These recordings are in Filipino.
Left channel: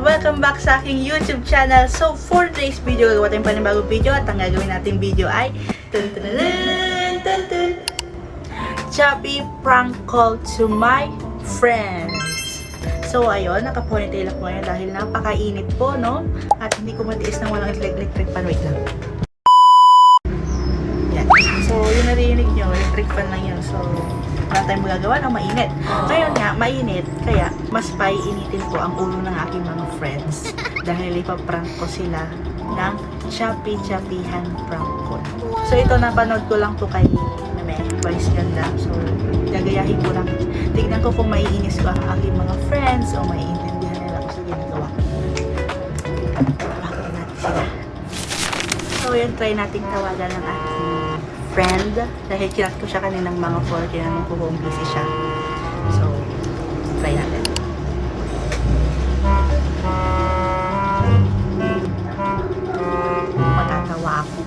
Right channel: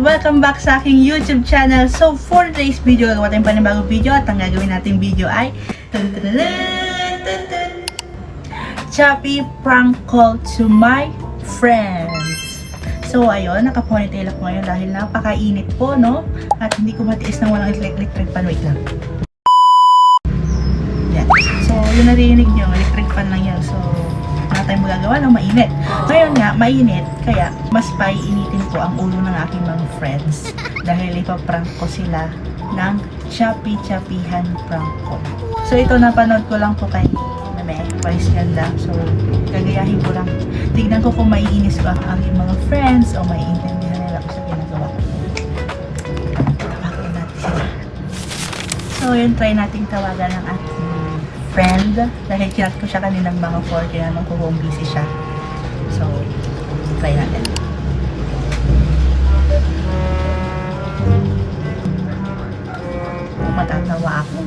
Welcome back sa aking YouTube channel. So for today's video, gagawa tayong panibagong video at ang gagawin nating video ay Choppy prank call to my friends. So ayun, naka-ponytail ako ngayon dahil napakainit po, no? At hindi ko matiis na walang electric fan. Wait lang. Yan. So yun narinig nyo, electric fan lang yan. So wala tayong magagawa ng mainit. Ngayon nga, mainit, kaya mas paiinitin ko ang ulo ng aking mga friends dahil ipaprank ko sila ng Choppy-Choppyhan prank call. So ito, napanood ko lang to kay Meme, Vice Ganda. So gagayahin ko lang. Tignan ko kung maiinis ko ang aking mga friends o maiintindihan nila ko sa ginagawa ko. Tawagan natin sila. So yun, try nating tawagan ng aking friend dahil kinat ko siya kaninang mga 4 kaya nung kung busy siya. So try natin. Matatawa ako.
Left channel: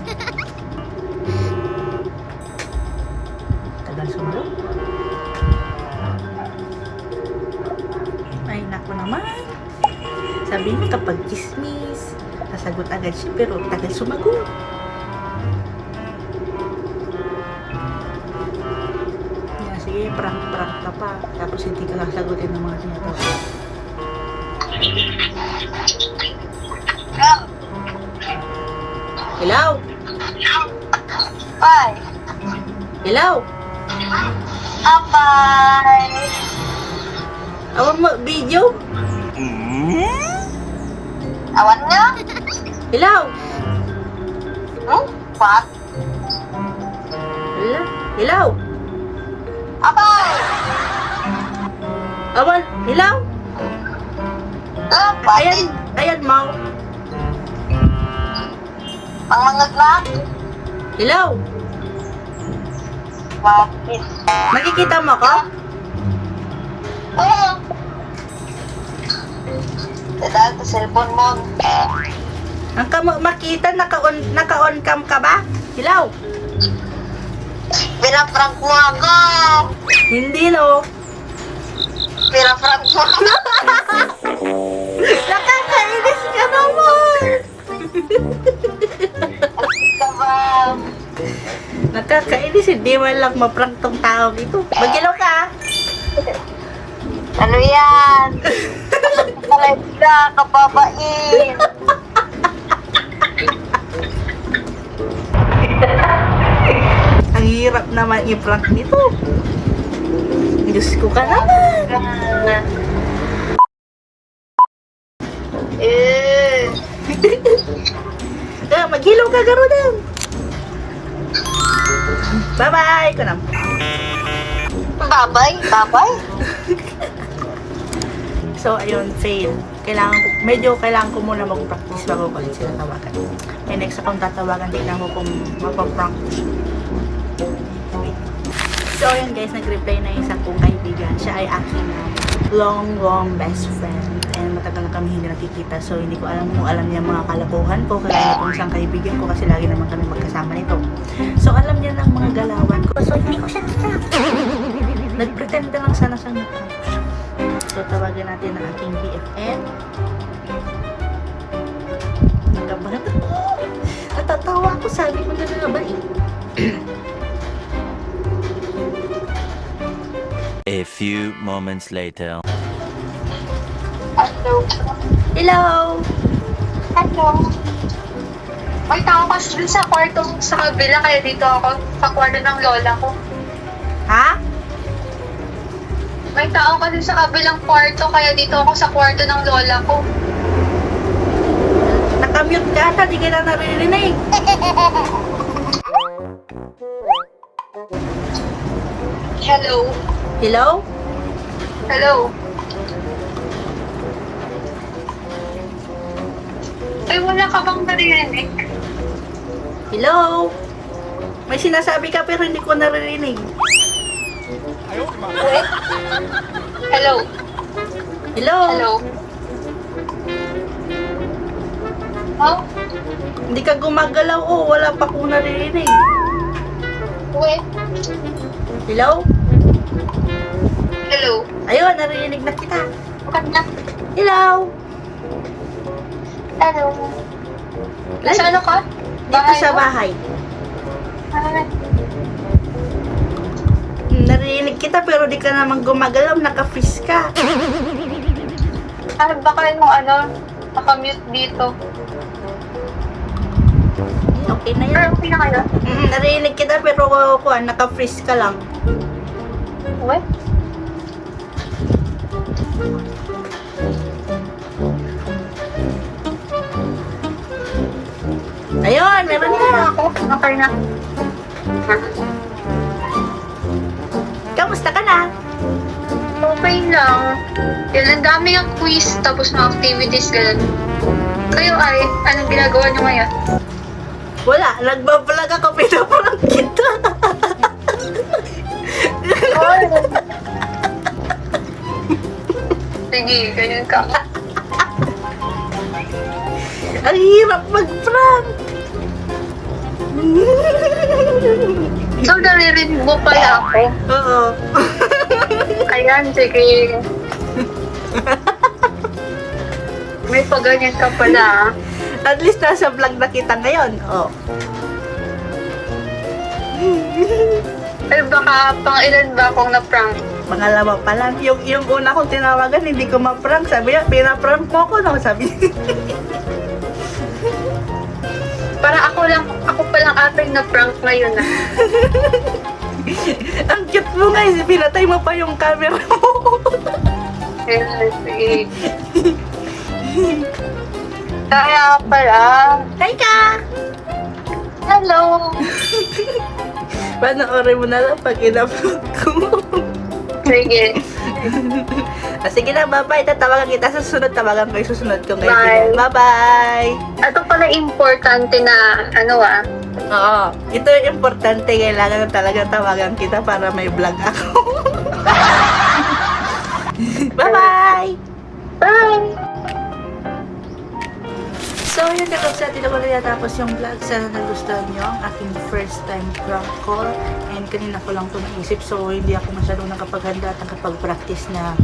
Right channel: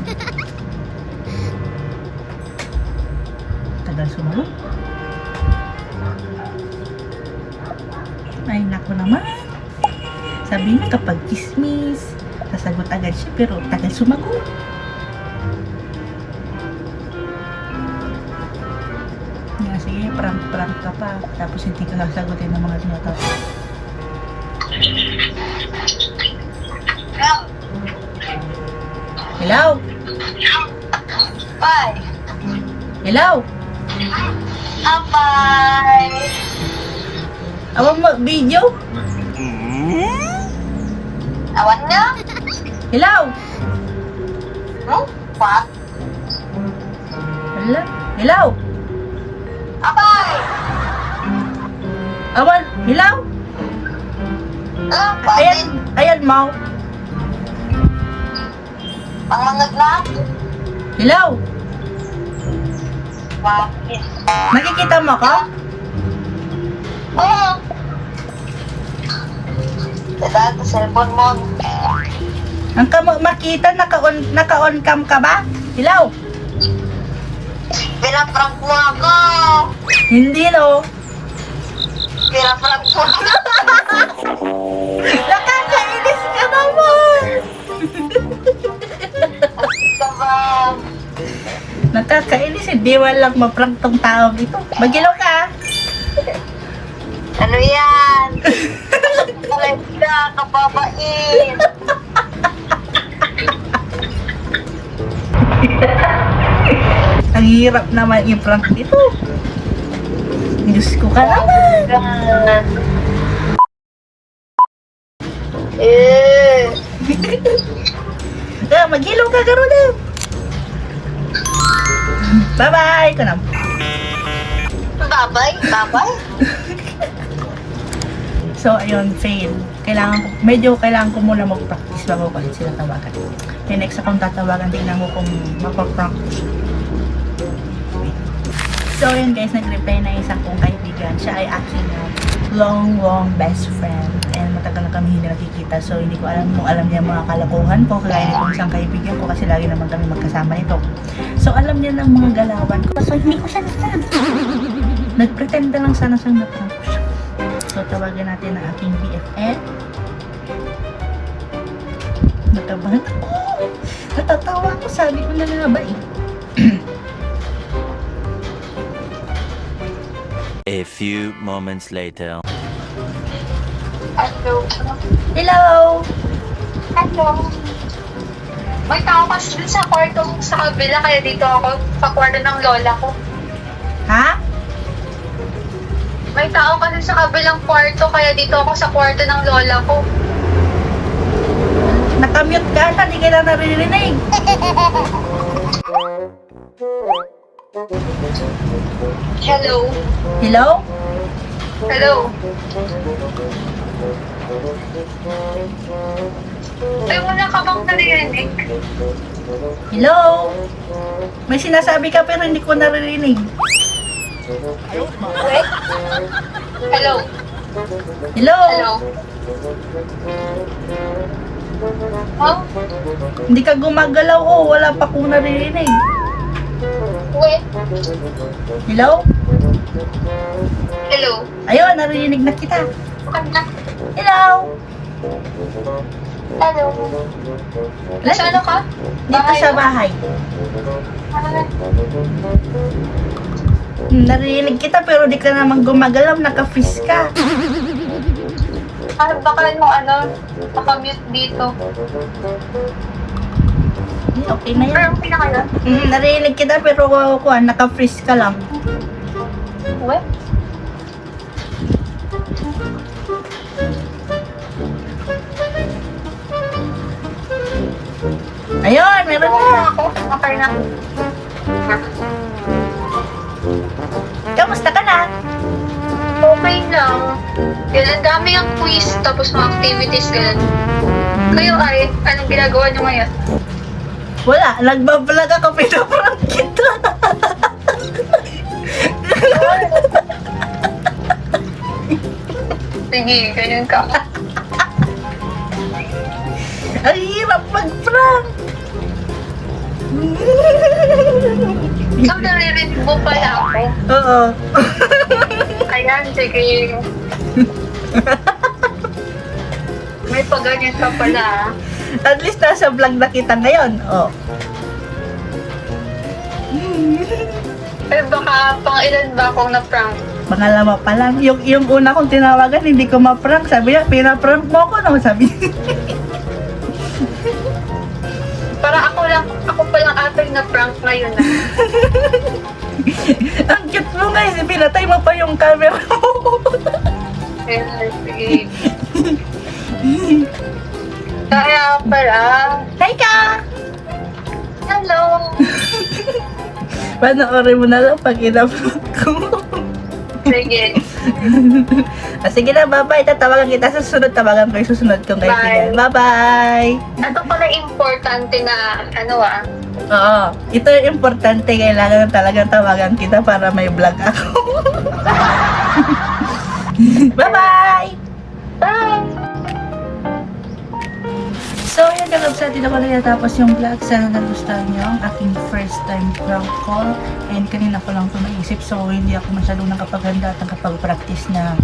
Tagal sumagot. Ay naku naman. Sabi niya kapag chismis sasagot agad siya pero tagal sumagot. Sige, prank ka pa. Tapos hindi ka sasagutin ng mga tinatawag. Hello? Bye. Hello? Bye. Awang mo, video? Awan niya? Hello? What? Hello? Hello? Bye. Awan? Hello? Ayan, ayan mo. Ang mga glad? Hello? Bakit? Nakikita mo ko? Oo. Dada, sa cellphone mo. Ang kamo makita, naka-on cam ka ba? Hello? Pinaprank mo ako. Hindi no. Pinaprank mo ako. Nakakainis ka naman. Ito ba? Nakakainis, hindi man lang maprank tong taong ito. Magilaw ka. Ano yan? Ay, ka, kababain. Ang hirap naman i-prank nito. Diyos ko ka naman. Magilaw ka garo lang. Bye-bye ko na. Babay, babay. So, ayun, fail. Kailangan ko muna mag-practice bago ko ulit sila tawagan. Kaya next akong tatawagan, tingnan ko kung mapaprank ko siya. So, ayun guys, nag-reply na isang kong kaibigan. Siya ay aking long best friend. And matagal na kami hindi nakikita. So, hindi ko alam kung alam niya mga kalokohan ko. Kaya nitong isang kaibigan ko kasi lagi naman kami magkasama nito. So, alam niya ng mga galawan ko. So, hindi ko siya na-prank. Nagpretend lang sana siyang na-prank ko siya. So, tawagan natin ang aking BFF. Nakabahan ako. Natatawa ako. Sabi ko na nga ba eh. A few moments later. Hello. Hello! Hello. May tao kasi dun sa kwarto sa kabila, kaya dito ako sa kwarto ng lola ko. Ha? May tao kasi sa kabilang kwarto, kaya dito ako sa kwarto ng lola ko. Nakamute ka na. Di ka na naririnig. Hello. Hello? Hello. Ay, wala ka bang narinig? Hello? May sinasabi ka pero hindi ko naririnig. Hello. Hello? Hello. Oh? Hindi ka gumagalaw, oh. Wala pa akong naririnig. Wait. Hello? Hello? Ayun, naririnig na kita. Hello? Hello? Nasa ano ka? Dito sa mo? bahay. Ah, Naririnig kita pero di ka naman gumagalaw, naka-freeze ka. baka yung nakamute dito. Okay na yan. Pero pinakala. Naririnig kita pero naka-freeze ka lang. What? Ayun, meron na. Ako. Okay na. Kamusta ka na? Okay lang. Yan, ang dami yung quiz, tapos mga activities, ganun. Kayo ay, anong ginagawa nyo ngayon? Wala, nagbablog ako, pinaprank kita. Sige, ganyan ka. Ang hirap mag-prank. So, naririnig mo pala ako. Oo. Ayan, sige. May paganyan ka pala, ah. At least nasa vlog na kita ngayon. Oh. Pero baka pang ilan ba akong na-prank? Pangalawa pa lang. Yung una kong tinawagan, hindi ko ma-prank. Sabi niya, pinaprank mo ako, no? Sabi niya. Para ako palang ating na-prank ngayon, ah. Ang cute mo nga, pinatay mo pa yung camera mo. Ayan, sige. Kaya pala. Hi ka! Hello. Panoorin mo na lang pag in-upload ko. Sige. Sige na, bye-bye. Tatawagan kita sa susunod. Tawagan ko yung susunod kong kaibigan. Bye-bye! Ito pala importante na, Oo. Ito yung importante. Kailangan talagang tawagan kita para may vlog ako. Bye-bye! Bye! So, yun kalab sa atin ako na natapos yung vlog. Sana nagustuhan nyo ang aking first time prank call. And kanina ko lang ito naisip. So, hindi ako masyadong nakapaghanda at nakapag-practice na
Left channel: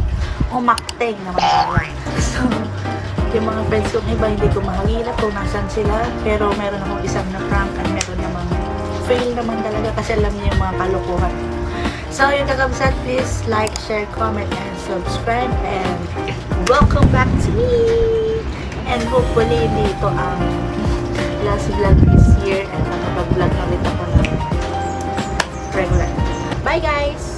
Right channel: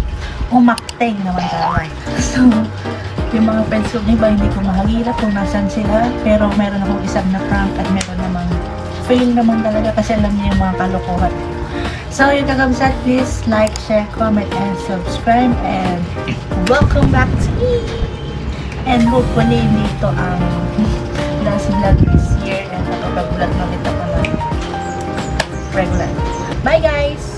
umakteng naman tayo. So, yung mga friends ko iba, hindi ko mahagilap kung nasan sila. Pero meron akong isang na prank at meron namang fail naman talaga kasi alam niyo yung mga kalokohan. So, yun kakabsat, please like, share, comment, and subscribe. And welcome back to me! And hopefully, hindi ito ang last vlog this year and nakapag-vlog na ulit ako ng regular. Bye guys!